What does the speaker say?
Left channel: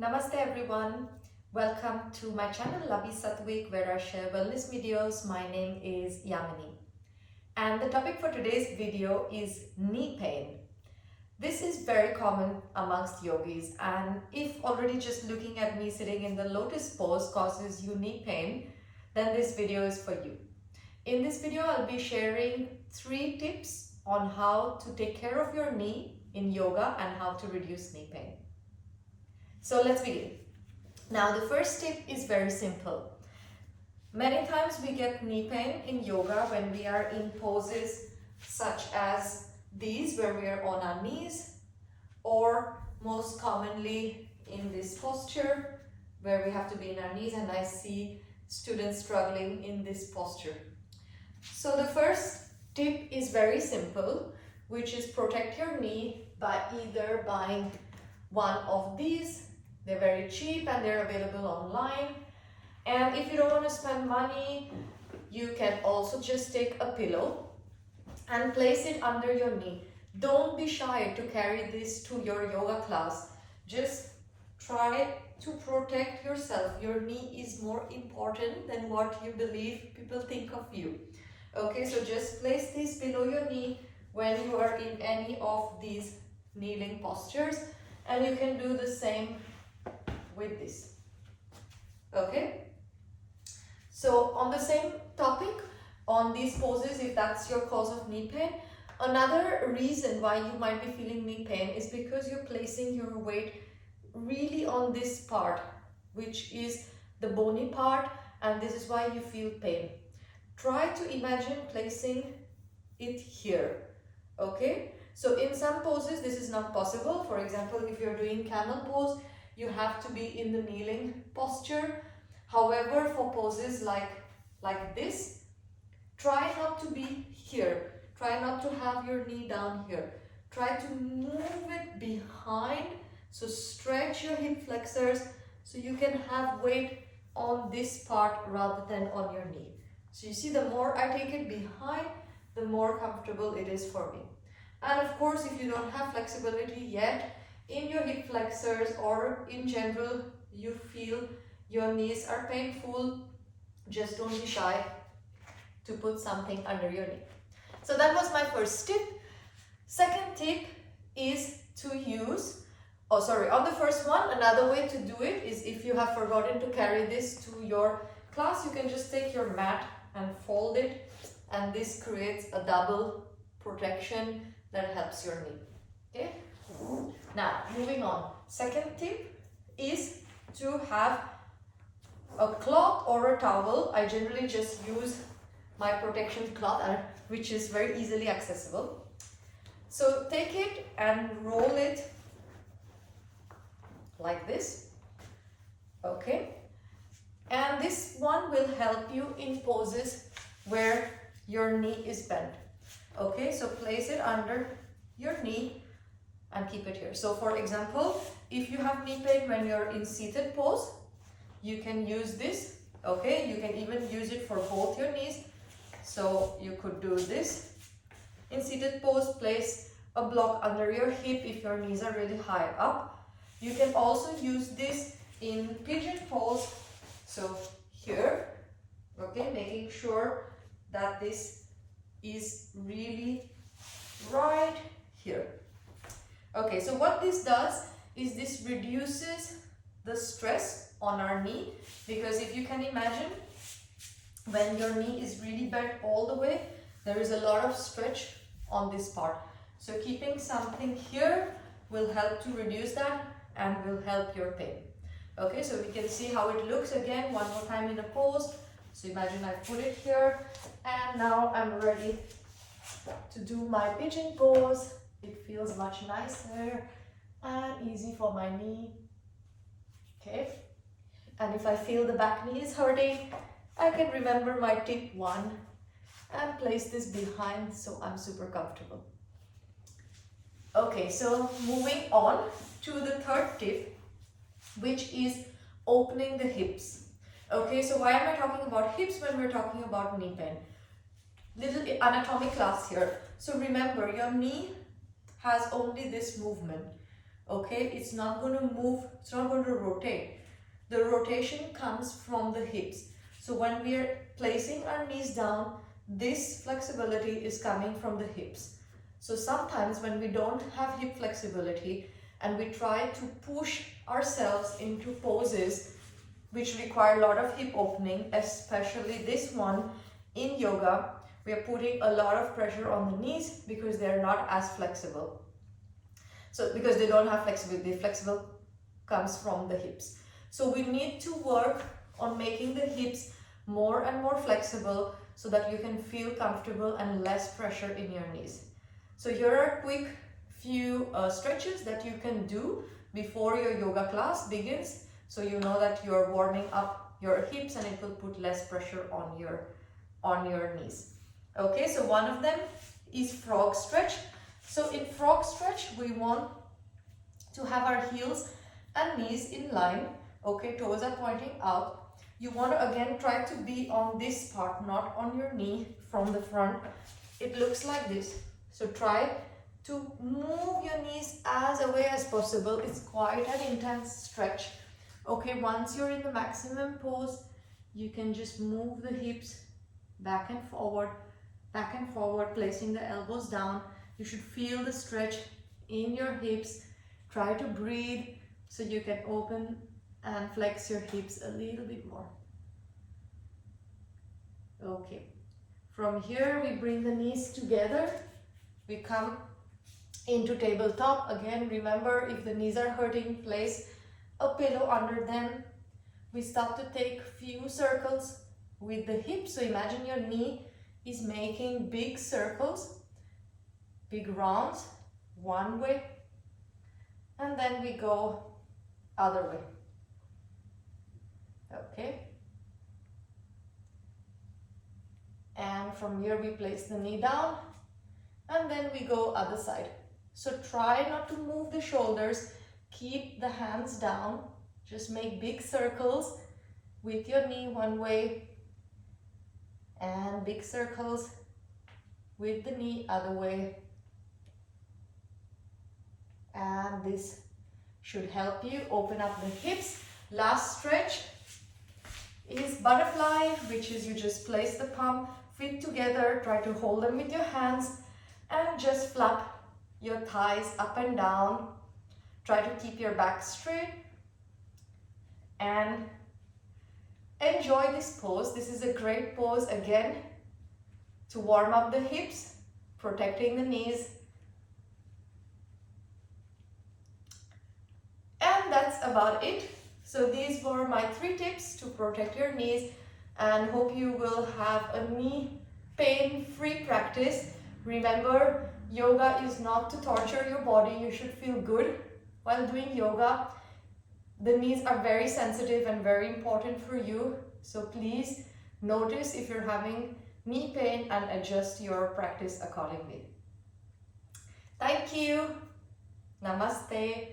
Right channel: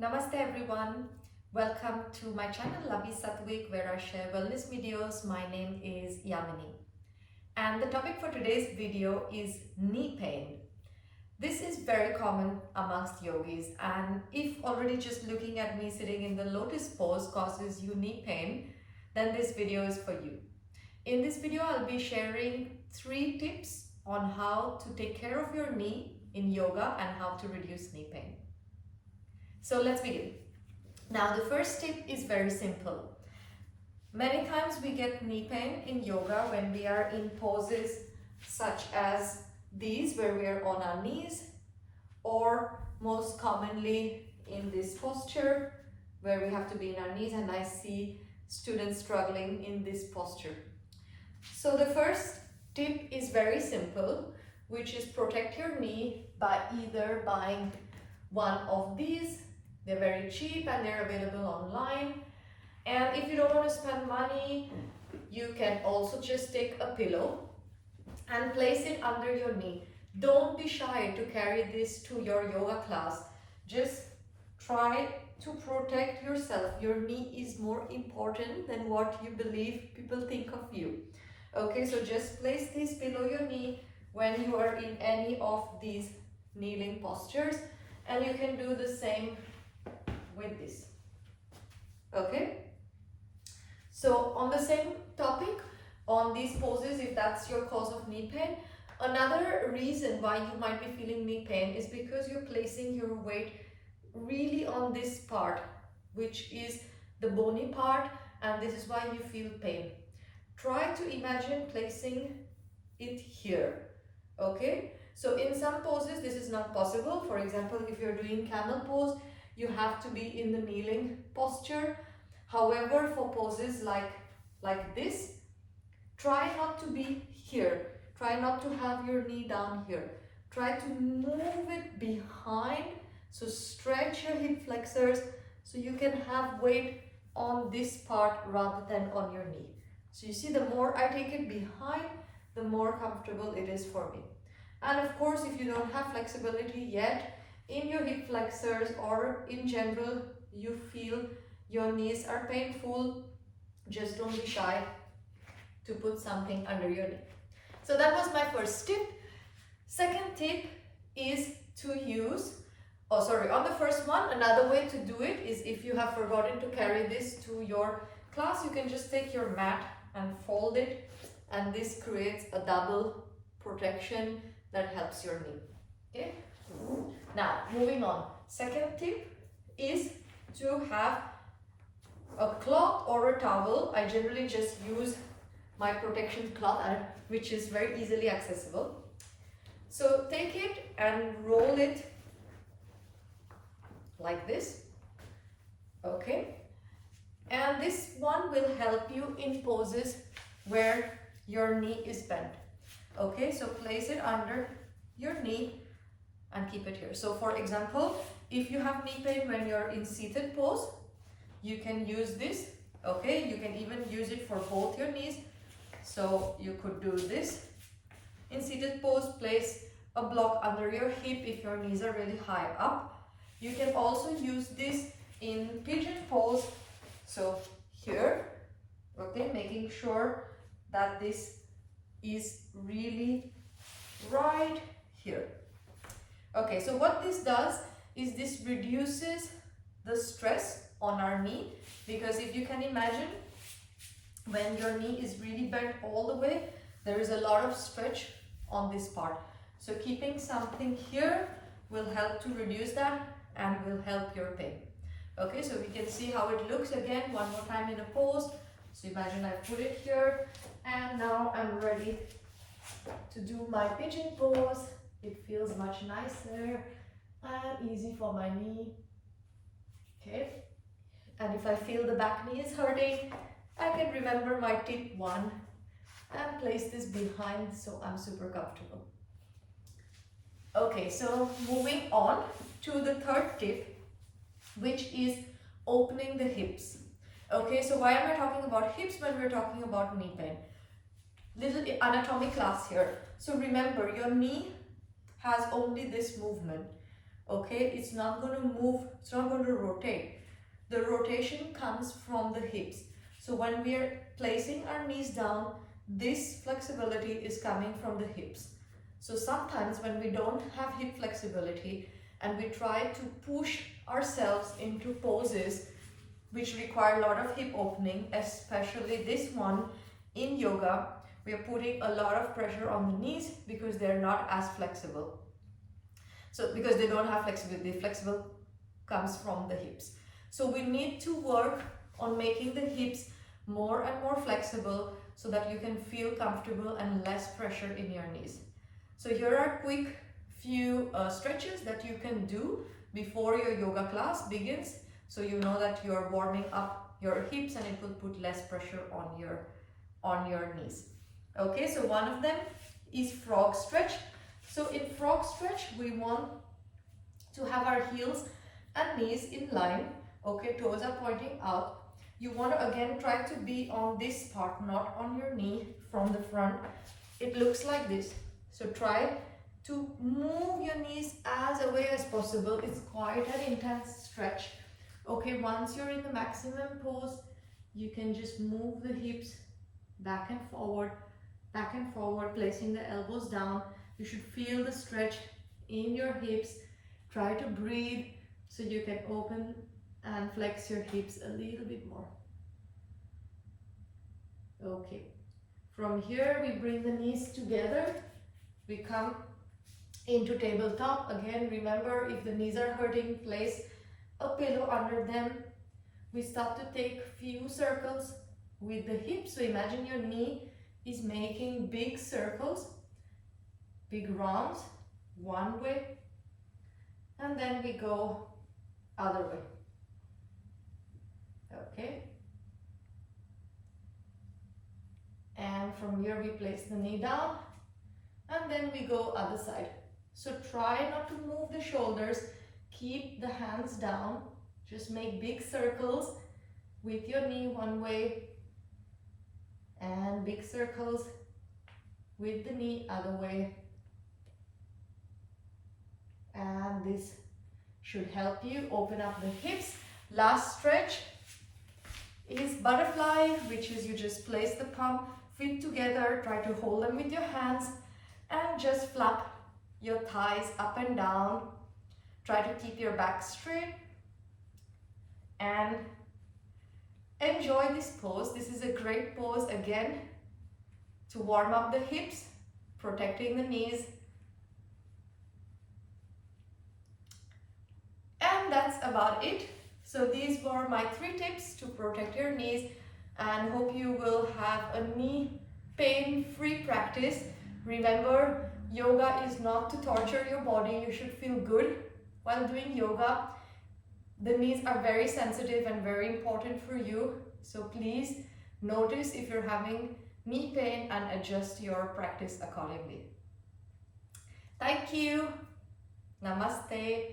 Namaste everyone. Welcome to my channel Labhi Satwik, where I share wellness videos. My name is Yamini. And the topic for today's video is knee pain. This is very common amongst yogis, and if already just looking at me sitting in the lotus pose causes you knee pain, then this video is for you. In this video, I'll be sharing 3 tips on how to take care of your knee in yoga and how to reduce knee pain. So let's begin. Now the first tip is very simple. Many times we get knee pain in yoga when we are in poses such as these, where we are on our knees, or most commonly in this posture where we have to be in our knees, and I see students struggling in this posture. So the first tip is very simple, which is protect your knee by either buying one of these. They're very cheap and they're available online. And if you don't want to spend money, you can also just take a pillow and place it under your knee. Don't be shy to carry this to your yoga class. Just try to protect yourself. Your knee is more important than what you believe people think of you. Okay, so just place this below your knee when you are in any of these kneeling postures, and you can do the same with this. Okay, so on the same topic, on these poses, if that's your cause of knee pain, another reason why you might be feeling knee pain is because you're placing your weight really on this part, which is the bony part, and this is why you feel pain. Try to imagine placing it here. Okay, so in some poses this is not possible. For example, if you're doing camel pose, you have to be in the kneeling posture. However, for poses like this, try not to be here. Try not to have your knee down here. Try to move it behind. So stretch your hip flexors so you can have weight on this part rather than on your knee. So you see, the more I take it behind, the more comfortable it is for me. And of course, if you don't have flexibility yet in your hip flexors, or in general you feel your knees are painful, just don't be shy to put something under your knee. So that was my first tip. Second tip is to use, on the first one, another way to do it is, if you have forgotten to carry this to your class, you can just take your mat and fold it, and this creates a double protection that helps your knee. Okay, now moving on. Second tip is to have a cloth or a towel. I generally just use my protection cloth, which is very easily accessible. So take it and roll it like this. Okay, and this one will help you in poses where your knee is bent. Okay, so place it under your knee and keep it here. So for example, if you have knee pain when you're in seated pose, you can use this. Okay, you can even use it for both your knees. So you could do this. In seated pose, place a block under your hip if your knees are really high up. You can also use this in pigeon pose. So here, okay, making sure that this is really right here. Okay, so what this does is this reduces the stress on our knee, because if you can imagine, when your knee is really bent all the way, there is a lot of stretch on this part. So keeping something here will help to reduce that and will help your pain. Okay, so we can see how it looks again one more time in a pose. So imagine I put it here, and now I'm ready to do my pigeon pose. It feels much nicer and easy for my knee. Okay, and if I feel the back knee is hurting, I can remember my tip 1 and place this behind, so I'm super comfortable. Okay, so moving on to the third tip, which is opening the hips. Okay, so why am I talking about hips when we're talking about knee pain? Little anatomy class here. So remember, your knee has only this movement. Okay, it's not going to move, it's not going to rotate. The rotation comes from the hips. So when we are placing our knees down, this flexibility is coming from the hips. So sometimes when we don't have hip flexibility and we try to push ourselves into poses which require a lot of hip opening, especially this one in yoga, we are putting a lot of pressure on the knees because they're not as flexible. So because they don't have flexibility, the flexible comes from the hips. So we need to work on making the hips more and more flexible so that you can feel comfortable and less pressure in your knees. So here are quick few stretches that you can do before your yoga class begins, so you know that you're warming up your hips and it will put less pressure on your knees. Okay, so one of them is frog stretch. So in frog stretch, we want to have our heels and knees in line. Okay, toes are pointing out. You want to again try to be on this part, not on your knee from the front. It looks like this. So try to move your knees as away as possible. It's quite an intense stretch. Okay, once you're in the maximum pose, you can just move the hips back and forward, placing the elbows down. You should feel the stretch in your hips. Try to breathe so you can open and flex your hips a little bit more. Okay, from here we bring the knees together. We come into tabletop. Again, remember, if the knees are hurting, place a pillow under them. We start to take few circles with the hips. So imagine your knee is making big circles, big rounds, one way, and then we go other way. Okay, and from here we place the knee down and then we go other side. So try not to move the shoulders, keep the hands down, just make big circles with your knee one way and big circles with the knee other way. And this should help you open up the hips. Last stretch is butterfly, which is you just place the palm feet together, try to hold them with your hands and just flap your thighs up and down. Try to keep your back straight and enjoy this pose. This is a great pose again to warm up the hips, protecting the knees. And that's about it. So these were my 3 tips to protect your knees, and hope you will have a knee pain-free practice. Remember, yoga is not to torture your body. You should feel good while doing yoga. The knees are very sensitive and very important for you. So please notice if you're having knee pain and adjust your practice accordingly. Thank you. Namaste.